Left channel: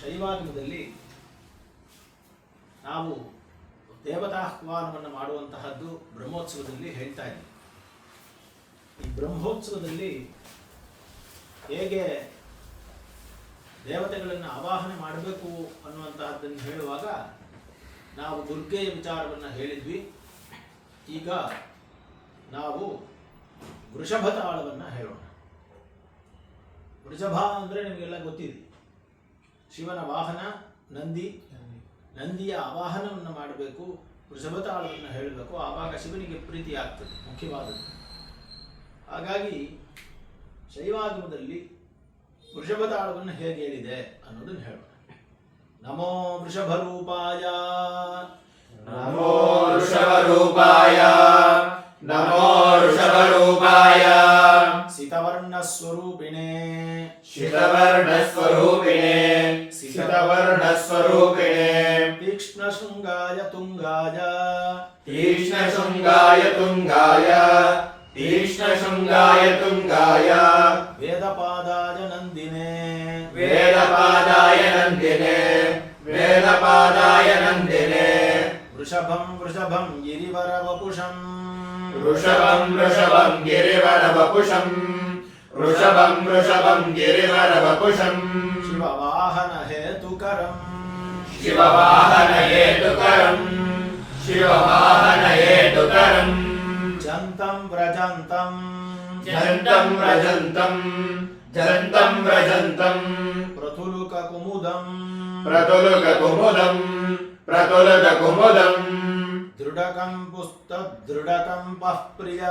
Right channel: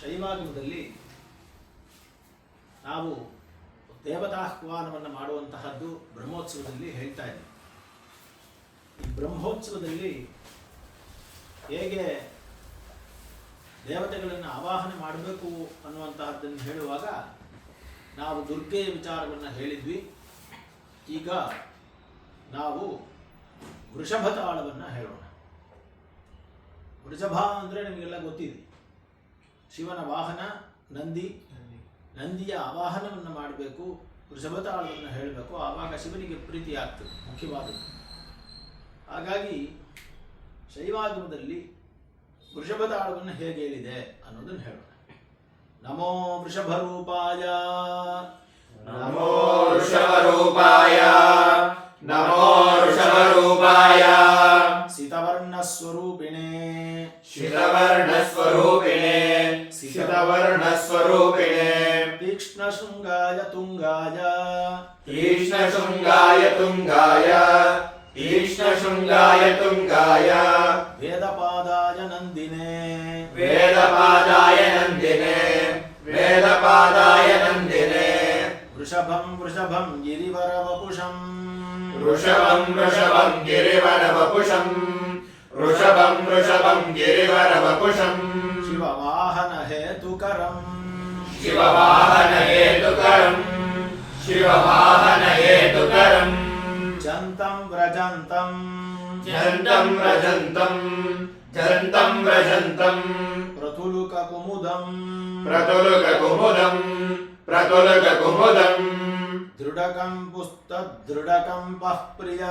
ಶೈವಾಗಮದಲ್ಲಿ ನಾವು ದೇವತಾಹ್ವಾನವನ್ನು ಮಾಡುವಂತಹದ್ದು ಬ್ರಹ್ಮೋತ್ಸವದಲ್ಲಿ ಹೇಳ್ತಾ ಇದ್ದೀವಿ. ಈ ಬ್ರಹ್ಮೋತ್ಸವದಲ್ಲಿ ಹೇಗೆ ದೇವತೆಗಳನ್ನು ಆವಾಹನೆ ಮಾಡಬೇಕು ಅನ್ನುವಂತಹದ್ದನ್ನು ಹೇಳುವಾಗ ನಾವು ದುರ್ಗೆಯ ವಿಚಾರವನ್ನು ಹೇಳಿದ್ವಿ. ಈಗ ನಾವು ವೃಷಭ ತಾಳವನ್ನು ಹೇಳೋಣ. ವೃಷಭ ಅಂದರೆ ನಿಮಗೆಲ್ಲ ಗೊತ್ತಿದೆ, ಶಿವನ ವಾಹನ ನಂದಿ. ನಂದಿಯ ಆವಾಹನವನ್ನು ಮಾಡಬೇಕು, ವೃಷಭ ತಾಳವನ್ನು ಹೇಳಬೇಕು, ಆವಾಗ ಶಿವನಿಗೆ ಪ್ರೀತಿ ಆಗ್ತದೆ, ಮುಖ್ಯವಾದದ್ದು. ಹಾಗಾಗಿ ಶೈವಾಗಮದಲ್ಲಿ ವೃಷಭ ತಾಳವನ್ನು ಹೇಗೆ ಹೇಳಿದೆ ಅನ್ನೋದನ್ನು ಹೇಳೋಣ. ನಮೋ ವೃಷಭ ರೂಪಾಯ, ನಮೋ ವೃಷಭ ರೂಪಾಯ, ನಮೋ ವೃಷಭ ರೂಪಾಯ, ಸಿತವರ್ಣ ಸ್ವರೂಪಿಣೆ, ಶಿತವರ್ಣ ಸ್ವರೂಪಿಣೆ, ಸಿತವರ್ಣ ಸ್ವರೂಪಿಣೆ, ತೀಕ್ಷ್ಣ ಶೃಂಗಾಯ ತುಂಗಾಯ, ತೀಕ್ಷ್ಣ ಶೃಂಗಾಯ ತುಂಗಾಯ, ತೀಕ್ಷ್ಣ ಶೃಂಗಾಯ ತುಂಗಾಯ, ವೇದಪಾದಾಯ ನಂದಿನೇ, ವೇದಪಾದಾಯ ನಂದಿನೇ, ವೇದಪಾದಾಯ ನಂದಿನೇ, ವೃಷಭಂ ವೃಷಭಂ ಗಿರಿವರವಪುಷಂ, ವೃಷಭಂ ವೃಷಭಂ ಗಿರಿವರವಪುಷಂ, ವೃಷಭಂ ವೃಷಭಂ ಗಿರಿವರವಪುಷಂ, ಶಿವವಾಹನ ಹೇತುಕರಂ, ಶಿವವಾಹನ ಹೇತುಕರಂ, ಶಿವವಾಹನ ಹೇತುಕರಂ, ಜಂತಂ ವ್ರಜಂತಂ, ಜಂತಂ ವ್ರಜಂತಂ, ಜಂತಂ ವ್ರಜಂತಂ, ಪ್ರತುಲುಕ ಕುಮುದಂ, ಪ್ರತುಲುಕ ಕುಮುದಂ, ಪ್ರತುಲುಕ ಕುಮುದಂ, ದೃಢಕಂ ಪುಸ್ತದೃಢಕಂಪಃ ಪ್ರಿಯ,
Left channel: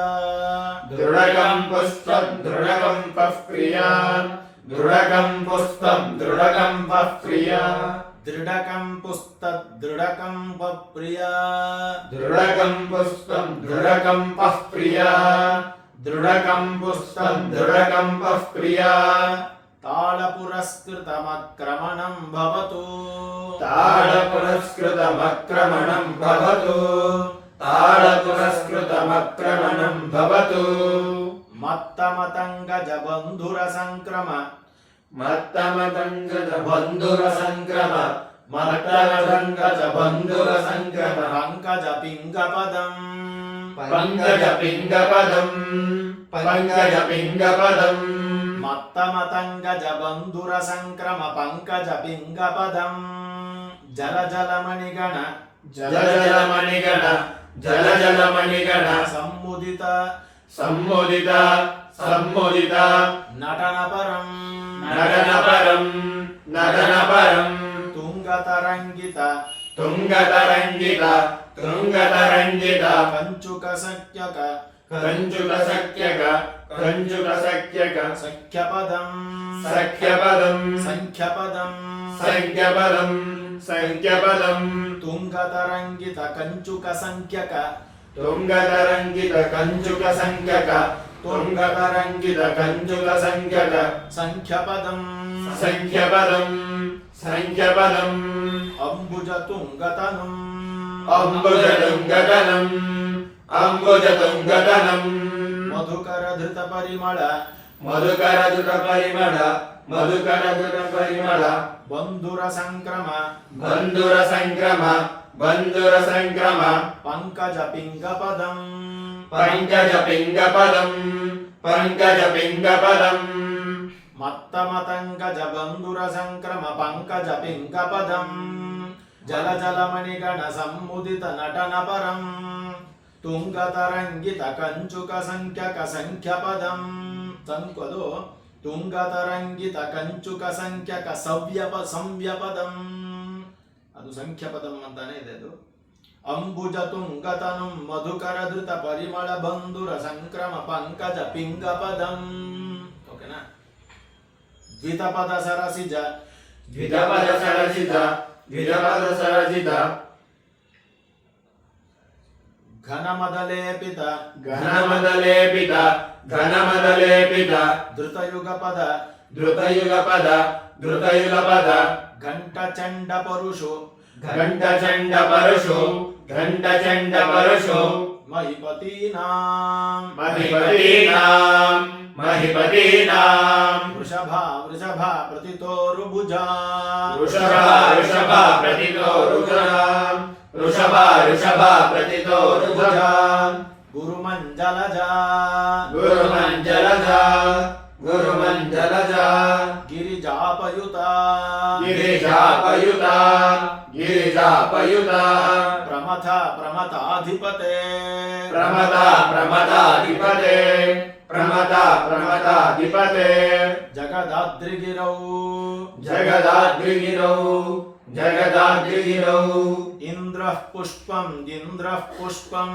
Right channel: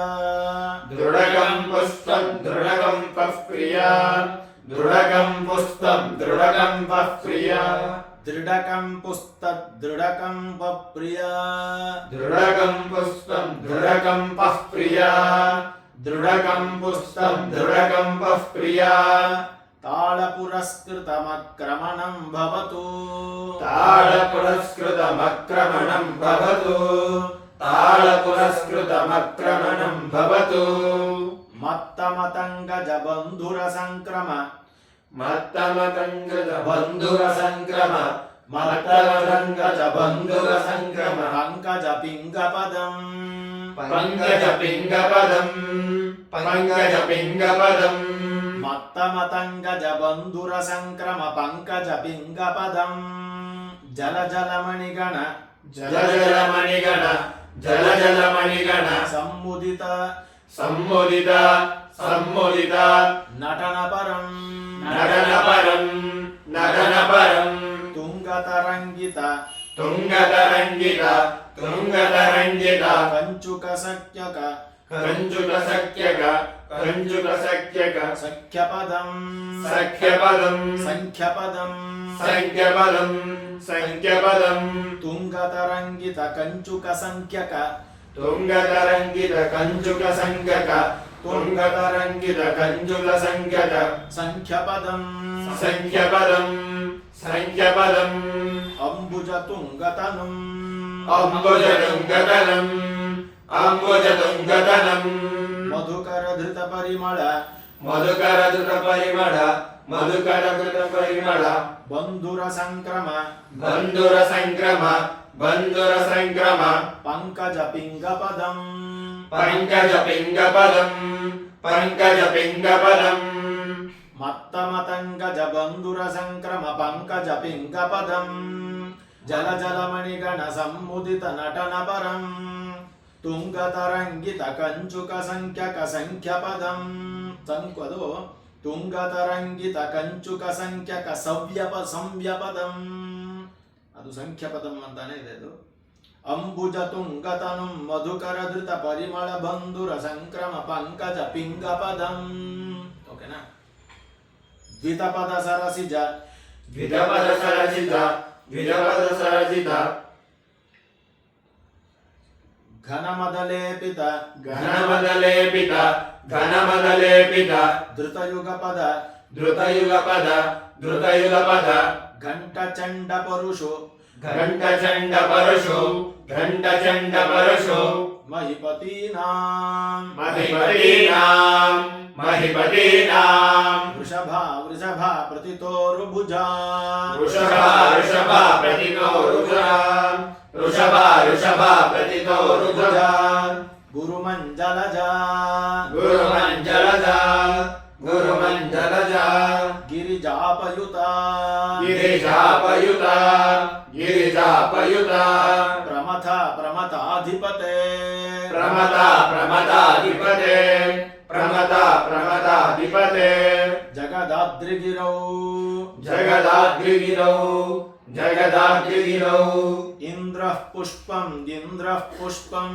ದೃಢಕಂ ಪುಸ್ತಂ ದೃಢಕಂಪಃ ಪ್ರಿಯ, ದೃಢಕಂ ಪುಸ್ತಂ ದೃಢಕಂಪಃ ಪ್ರಿಯ, ದೃಢಕಂ ಪುಸ್ತದೃಢಕಂಪಃ ಪ್ರಿಯ, ದೃಢಕಂ ಪುಸ್ತಂ ದೃಢಕಂಪಃ ಪ್ರಿಯ, ದೃಢಕಂ ಪುಸ್ತಂ ದೃಢಕಂಪಃ ಪ್ರಿಯ, ತಾಳ ಪುರಸ್ಕೃತಮಕ್ರಮಣಂ ಭವತು, ತಾಳ ಪುರಸ್ಕೃತಮಕ್ರಮಣಂ ಭವತು, ತಾಳ ಪುರಸ್ಕೃತಮಕ್ರಮಣಂ ಭವತು, ಮತ್ತಮತಂಗಜ ಬಂಧುರ ಸಂಕ್ರಮ, ಮತ್ತಮತಂಗಜ ಬಂಧುರ ಸಂಕ್ರಮ, ಮತ್ತಮತಂಗಜ ಬಂಧುರ ಸಂಕ್ರಮ, ಪಂಕಜ ಪಿಂಗಪದಂ, ಪಂಕಜ ಪಿಂಗಪದಂ, ಪಂಕಜ ಪಿಂಗಪದಂ, ಮತ್ತಮತಂಗಜ ಬಂಧುರ ಸಂಕ್ರಮ ಪಂಕಜ ಪಿಂಗಪದಂ, ಜಲ ಜಲಮಣಿಗಣ, ಜಲ ಜಲ ಮಣಿಗಣ, ಜಲ ಜಲ ಮಣಿಗಣ, ಸಮ್ಮುದಿತ ಸಮ್ಮೋದಿತ ಸಮ್ಮೋದಿತ, ನಟನ ಪರಂ, ನಟನ ಪರಂ, ನಟನ ಪರಂ, ತುಂಗತರಂಗಿತ ತುಂಗತರಂಗಿತ, ತುಂಗತರಂಗಿತ, ಕಂಚುಕ ಸಖ್ಯಕ, ಕಂಚುಕ ಸಖ್ಯಕ, ಕಂಚುಕ ಸಖ್ಯಕ, ಸಖ್ಯಪದಂ, ಸಖ್ಯಪದಂ, ಸಂಖ್ಯಪದಂ, ಸಂಖ್ಯಪದಂ, ಸಂಖ್ಯಪದಂ, ತುಂಗತರಂಗಿತ ಕಂಚುಕ ಸಂಖ್ಯಕ, ತುಂಗತರಂಗಿತ ಕಂಚುಕ ಸಂಖ್ಯಕ, ತುಂಗತರಂಗಿತ ಕಂಚುಕ ಸಂಖ್ಯಕ, ಸಂಖ್ಯಪದಂ, ಸಂಖ್ಯಪದಂ, ಸಂಖ್ಯಪದಂ, ಅಂಬುಜ ತುಂಗತನಂ, ಅಂಬುಜ ತುಂಗತನಂ, ಅಂಬುಜ ತುಂಗತನಂ, ಮಧುಕರ ಧೃತ ಪರಿಮಳ, ಮಧುಕರ ಧೃತ ಪರಿಮಳ, ಮಧುಕರ ಧೃತ ಪರಿಮಳ, ಬಂಧುರ ಸಂಕ್ರಮ, ಬಂಧುರ ಸಂಕ್ರಮ, ಬಂಧುರ ಸಂಕ್ರಮ, ಪಂಕಜ ಪಿಂಗಪದಂ, ಪಂಕಜ ಪಿಂಗಪದಂ, ಪಂಕಜ ಪಿಂಗಪದಂ, ಮತ್ತಮತಂಗಜ ಬಂಧುರ ಸಂಕ್ರಮ ಪಂಕಜ ಪಿಂಗಪದಂ, ಜಲ ಜಲಮಣಿಗಣ ಸಮ್ಮುದಿತ ನಟನ ಪರಂ, ತುಂಗತರಂಗಿತ ಕಂಚುಕ ಸಂಖ್ಯಕ ಸಂಖ್ಯಪದಂ, ಅದು ತುಂಗತರಂಗಿತ ಕಂಚುಕ ಸಂಖ್ಯಕ ಸಂವ್ಯಪದಂ, ಅದು ಸಂಖ್ಯಪದಂ ಅಂತಾನೆ ಇದೆ ಅದು. ಅಂಬುಜ ತುಂಗತನಂ ಮಧುಕರ ಧೃತ ಪರಿಮಳ ಬಂಧುರ ಸಂಕ್ರಮ ಪಂಕಜ ಪಿಂಗಪದಂ. ಓಕೆನಾ? ದ್ವಿತಪದ ಸರಸಿಜ, ದ್ವಿತಪದ ಸರಸಿತ, ದ್ವಿತಪದ ಸರಸಿತ, ಘನಮದಲೇಪಿತ, ಘನಮದಲೇಪಿತ, ಘನಮದಲೇಪಿತ, ಧೃತಯುಗಪದ, ಧೃತಯುಗಪದ, ಧೃತಯುಗಪದ, ಘಂಟಚಂಡ ಪರುಷು, ಘಂಟಚಂಡ ಪರಶು, ಘಂಟಚಂಡ ಪರಶು, ಮಹಿಪತೀನಾಂ ಮಹಿಪತೀನಾಂ ಮಹಿಪತೀನಾಂ ವೃಷಭ ವೃಷಭ ಪ್ರತಿತೋರುಭುಜಾ ವೃಷಭ ವೃಷಭ ಪ್ರತಿತೋ ರುಜಾಂ ವೃಷಭ ವೃಷಭ ಪ್ರತಿತೋ ರುಜಾಂ ಗುರುಮಂಜಲಜಾ ಗುರುಮಂಜಲಜಾ ಗುರುಮಂಜಲಜಾ ಗಿರಿಜಾಪಯುತಾ ಗಿರಿಜಾಪಯುತಾ ಗಿರಿಜಾಪಯುತಾ ಪ್ರಮಥ ಪ್ರಮಥಾಧಿಪತೆ ಪ್ರಮದ ಪ್ರಮದಾಧಿಪತೆ ಪ್ರಮದ ಪ್ರಮದಾಧಿಪತೆ ಜಗದಾದ್ರಿಗಿರೌ ಜಗದಾದ್ರಿಗಿರೌ ಜಗದಾದ್ರಿಗಿರೌ ಇಂದ್ರಃ ಪುಷ್ಪಂ ಇಂದ್ರಃ ಪುಷ್ಪಂ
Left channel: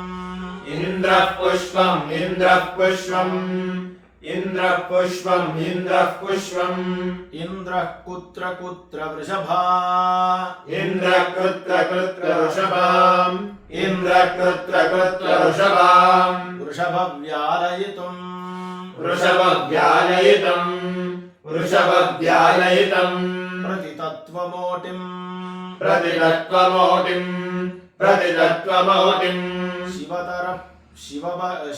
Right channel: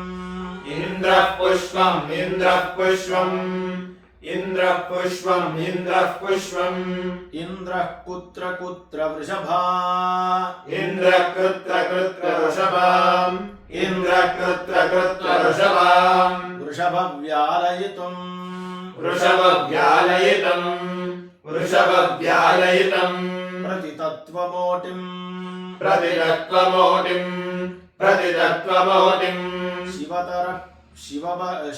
ಇಂದ್ರಃ ಪುಷ್ಪಂ ಇಂದ್ರಃ ಪುಷ್ಪಂ ಇಂದ್ರಃ ಪುಷ್ಪಂ ಇಂದ್ರಃ ಪುಷ್ಪಂ ಇಂದ್ರಃ ಕುತ್ರ ಕುತ್ರ ವೃಷಭ ಇಂದ್ರ ಕೃತ್ರ ಕೃತ್ರ ವೃಷಭಾಂ ಇಂದ್ರ ಕೃತ್ರ ಕೃತ್ರ ವೃಷಭಾಂ ವೃಷಭ ವ್ಯಾಲಯಿತುಂ ವೃಷಭವ್ಯಾಲಯಿತಂ ವೃಷಭವ್ಯಾಲಯಿತಂ ಪ್ರತಿತತ್ವಮೋಟಿಂ ಪ್ರತಿತತ್ವಮೋಟಿಂ ಪ್ರತಿತತ್ವಮೋಟಿಂ ಶಿವತರ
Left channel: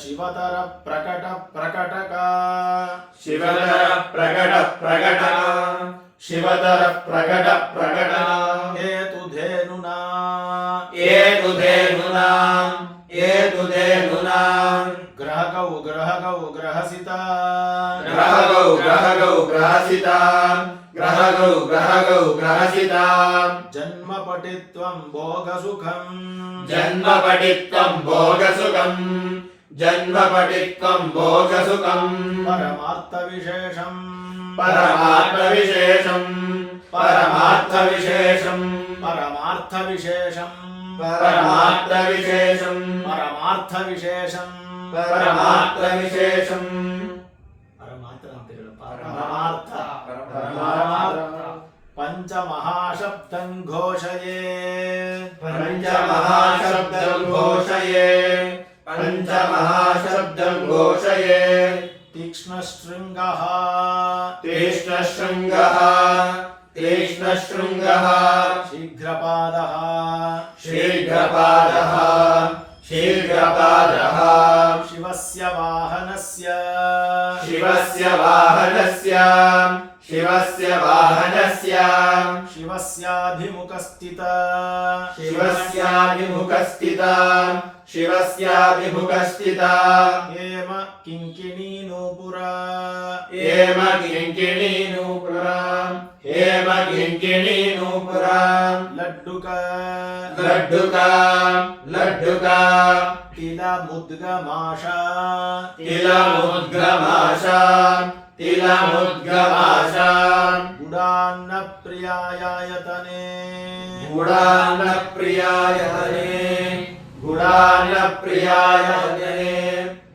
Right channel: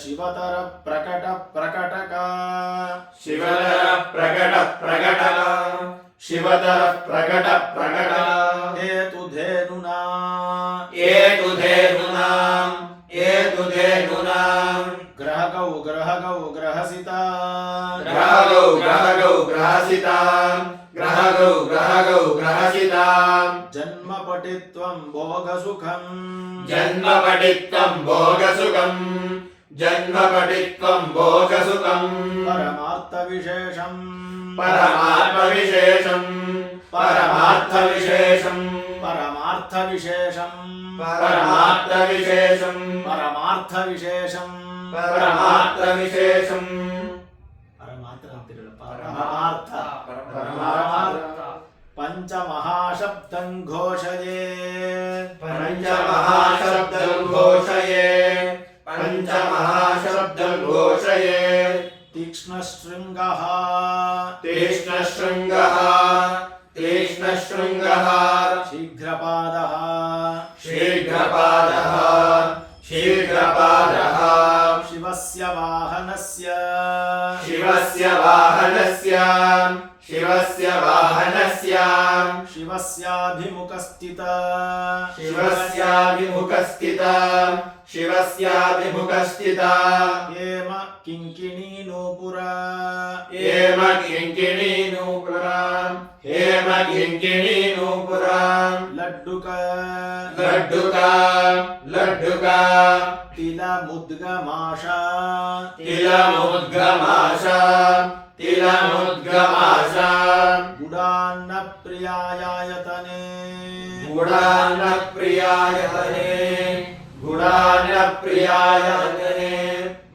ಶಿವತರ ಪ್ರಕಟ ಪ್ರಕಟಕ ಶಿವತರ ಪ್ರಕಟ ಪ್ರಕಟ ಶಿವತರ ಪ್ರಕಟ ಪ್ರಕಟ ಹೇತುಧೇನುನಾ ಏತುಧೇನುನಾಂ ಏತುಧೇನುನಾಂ ಗ್ರಹಗೌ ಗ್ರಹಗೌ ಗ್ರಹಸಿತ ಗ್ರಹಗೌ ಗ್ರಹಗೌ ಗ್ರಹಸಿತಾಂ ಗ್ರಹಗೌ ಗ್ರಹಗೌ ಗ್ರಹಸಿತಾಂ ಜನ್ಮಪಟಿತ್ವಂ ಭೋಗಸುಖಂ ಜನ್ಮಪಟಿತ್ವಂ ಭೋಗಸುಖಂ ಜನ್ಮಪಟಿತ್ವಂ ಭೋಗಸುಖಂ ಪರಮಾರ್ಥವಿಶೇಷಂ ಪರಮಾರ್ಥವಿಶೇಷಂ ಪರಮಾರ್ಥವಿಶೇಷಂ ಪರಮಾರ್ಥವಿಶೇಷಂ ಪರಮಾರ್ಥವಿಶೇಷಂ ಪರಮಾರ್ಥವಿಶೇಷಂ ಪರಮಾರ್ಥವಿಶೇಷಂ ಪರಮಾರ್ಥ ಅಂತಿರಲ್ಲ ಪರಮಾರ್ಥ ಪರಮಾರ್ಥ ಪಂಚಮಹಾಶಬ್ದಂ ಘೋಷಯೇ ಪಂಚಮಹಾಶಬ್ದಂ ಘೋಷಯೇ ಪಂಚಮಹಾಶಬ್ದಂ ಘೋಷಯೇ ತೀಕ್ಷ್ಣಶೃಂಗಃ ತೀಕ್ಷ್ಣಶೃಂಗಃ ತೀಕ್ಷ್ಣಶೃಂಗಃ ಶೀಘ್ರಪಾದಃ ಶೀಘ್ರಪಾದಃ ಶೀಘ್ರಪಾದಃ ಶಿವಸ್ಯ ವಾಹನಸ್ಯ ಶಿವಸ್ಯ ವಾಹನಸ್ಯ ಶಿವಸ್ಯ ವಾಹನಸ್ಯ ಶಿವಸ್ಯಾಭಿಮುಖಸ್ಥಿತ ಶಿವಸ್ಯಾಭಿಮುಖಸ್ಥಿತ ಶಿವಸ್ಯಾಭಿಮುಖಸ್ಥಿತ ಹೇಮ ಕಿಂಕಿಣೀ ನೂಪುರ ಹೇಮ ಕಿಂಕಿಣೀ ನೂಪುರಾಂ ಹೇಮ ಕಿಂಕಿಣೀ ನೂಪುರಾಂ ಲಡ್ಡುಕ ಲಡ್ಡುಕ ಲಡ್ಡುಕ ತಿಲ ಮುದ್ಗಮಾಶ ತಿಲ ಮುದ್ಗಮಾಶ ತಿಲ ಮುದ್ಗಮಾಶ ಗುಡಾನ್ನ ಪ್ರಿಯಾಯಾಯತನೆ ಗುಡಾನ ಪ್ರಿಯಾಯತನೆ ಗುಡಾನ ಪ್ರಿಯಾಯತನೆ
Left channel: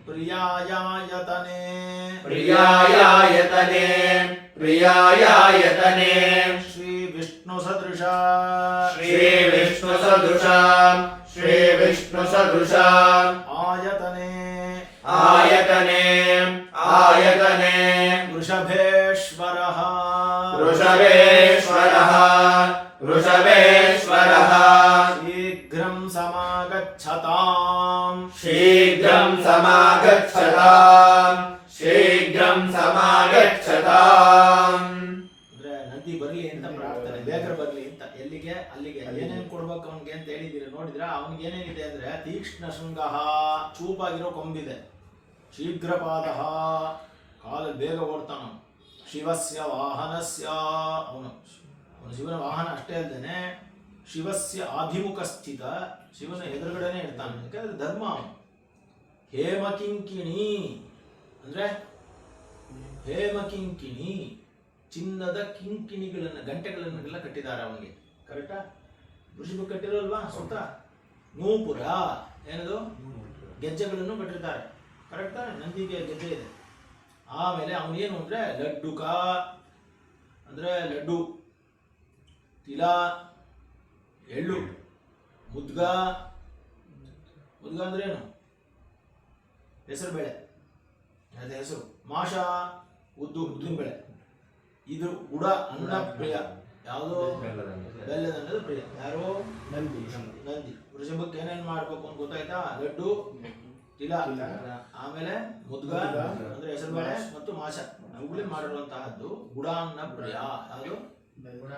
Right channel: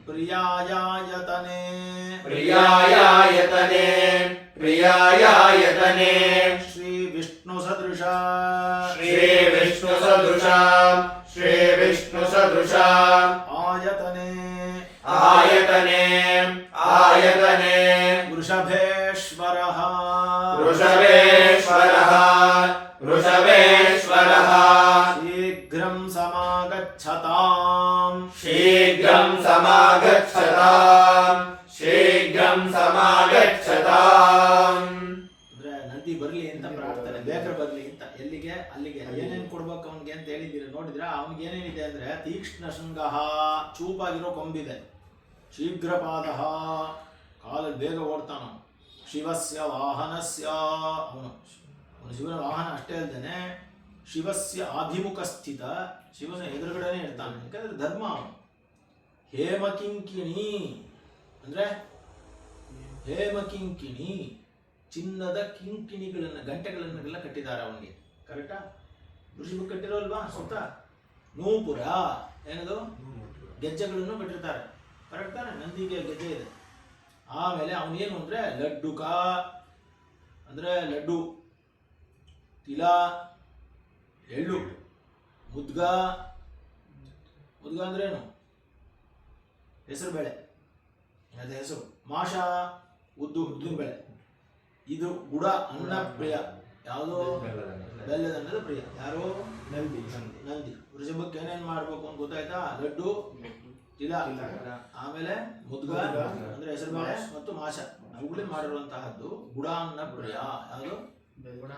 ಪ್ರಿಯಾಯಾಯತನೆ ಪ್ರಿಯಾಯಾಯತನೆ ಪ್ರಿಯಾಯಾಯತನೆ ಶ್ರೀ ವಿಷ್ಣು ಸದೃಶ ಶ್ರೀ ವಿಷ್ಣು ಸದೃಶ ಶ್ರೀ ವಿಷ್ಣು ಸದೃಶ ಆಯತನೆ ಆಯತನೆ ಆಯತನೆ ವೃಷಭೇಶ್ವರಃ ವೃಷಭೇಶ್ವರಃ ವೃಷಭೇಶ್ವರಃ ಶೀಘ್ರಂ ಸಮಾಗಚ್ಛತಾಂ ಶೀಘ್ರಂ ಸಮಾಗಚ್ಛತಾಂ ಶೀಘ್ರಂ ಸಮಾಗಚ್ಛತಾಂ ಅಂದ್ರೆ ನದಿ ಬರ್ಲಿ ಅಂತ ಪ್ರಾರ್ಥನೆ, ಬೇಗ ಬರ್ಲಿ ಅಂತ. ಎಲ್ಲಿಗೆ? ಅಲ್ಲಿಗೆ. ಏನೇನ್ ಕೊಡ್ಬೇಕು ಅವನಿಗೆ ಅಂತ ಹೇಳಿದಿರ, ನೋಡಿದ್ರ? ಅವನಿಗೆ ಏನೇನಿದೆ ಅಂದ್ರೆ ತೀಕ್ಷ್ಣ ಶೃಂಗಃ, ಚೂಪಾಗಿರೋ ಕೊಂಬಿದೆ. ಶೀಘ್ರಪಾದಃ, ಕಾಲ ಬೇಗ ಓಡ್ತಾನ. ಶಿವಸ್ಯ ವಾಹನಸ್ಯ, ಅವನು ಶಿವನ ವಾಹನ ಅಷ್ಟೇ ಅಲ್ಲದೇನೆ ಶಿವಸ್ಯ ಅಭಿಮುಖ ಸ್ಥಿತ, ಶಿವನ ಎದುರುಗಡೆನೆ ಇರ್ತಾನೆ. ಯಾಕಂದ್ರೆ ಧರ್ಮ ಅವನು. ಹೇಮಕಿಂಕಿಣಿ ಅಂದ್ರೆ ಹೇಮಕಿಂಕಿಣಿ, ಚಿನ್ನದ ಕಿಂಕಿಣಿಗಳನ್ನು, ಗಂಟೆಗಳನ್ನೆಲ್ಲ ಕಟ್ಟಿದ್ದಾರೆ ಅವನಿಗೆ. ಕರೆಕ್ಟಾ? ಋಷಿಗೆ ಕಟ್ಟಿರೋಲ್ವಾ ಸುತ್ತ? ನೂಪುರ ಏನದು? ಗೆಜ್ಜೆಗಳನ್ನು ಕಟ್ಟಿರ್ತಾರೆ. ಕರೆಕ್ಟ್ ತಾನೆ? ನಂದಿಗೆ ಗೆಜ್ಜೆ ಇದೆ. ಆಮೇಲೆ ಅವನೇನು ಅಂದ್ರೆ ಲಡ್ಡುಕ ಅಂದ್ರೆ ಲಡ್ಡು, ತಿಲ ಎಳ್ಳು, ಮುದ್ಗ, ಮುದ್ಗ ಅಂದ್ರೆ ಏನು? ಹೆಸರು ಬೇಳೆ, ಅದೇ ಹೆಸರು. ಮಾಷ ಉದ್ದಿನ ಬೇಳೆ. ಇದು ಗುಡ, ಅನ್ನ ಪ್ರಿಯ. ಯಾವುದು ಬೆಲ್ಲದನ್ನದ ಪ್ರಿಯ. ಯಾರು? ನಂದಿ. ವೃಷಭಕ್ಕೆ ಏನೇನ್ ಮಾಡ್ಬೇಕು ಅಂತ ಗೊತ್ತಾಯ್ತಾ? ಲಡ್ಡು, ತಿಲ, ಆಮೇಲೆ ಮುದ್ಗ ಅಂದ್ರೆ ಹೆಸರುಬೇಳೆ ಮತ್ತು ಮಾಷ ಅವುಗಳೇ ಮಾಡಿರುವಂತಹದ್ದು. ಗುಡಾನ್ನ ಪ್ರಿಯ. ಯಾವುದು?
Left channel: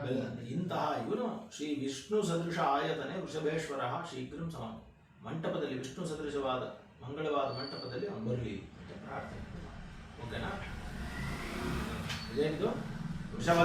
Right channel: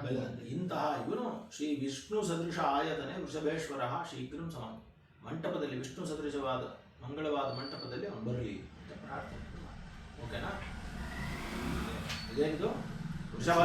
ಬೆಲ್ಲದಂತೆ. ಇಂತಹ ಇವನು ಶ್ರೀ ವಿಷ್ಣು ಸದೃಶ ಆಯತನೆ ವೃಷಭೇಶ್ವರ ಶೀಘ್ರಂ ಸಮಾನ. ಮಂಟಪದಲ್ಲಿ ವಿಷ್ಣು ಸದೃಶವಾದ ಮಂಗಳವಾದ ಮಂಟಪದಲ್ಲಿ ಅವನು ಬರಲಿ ಅಂತ ಪ್ರಾರ್ಥನೆ. ಓಕೆನಾ? ಇದೇನಿದು? ವೃಷಭ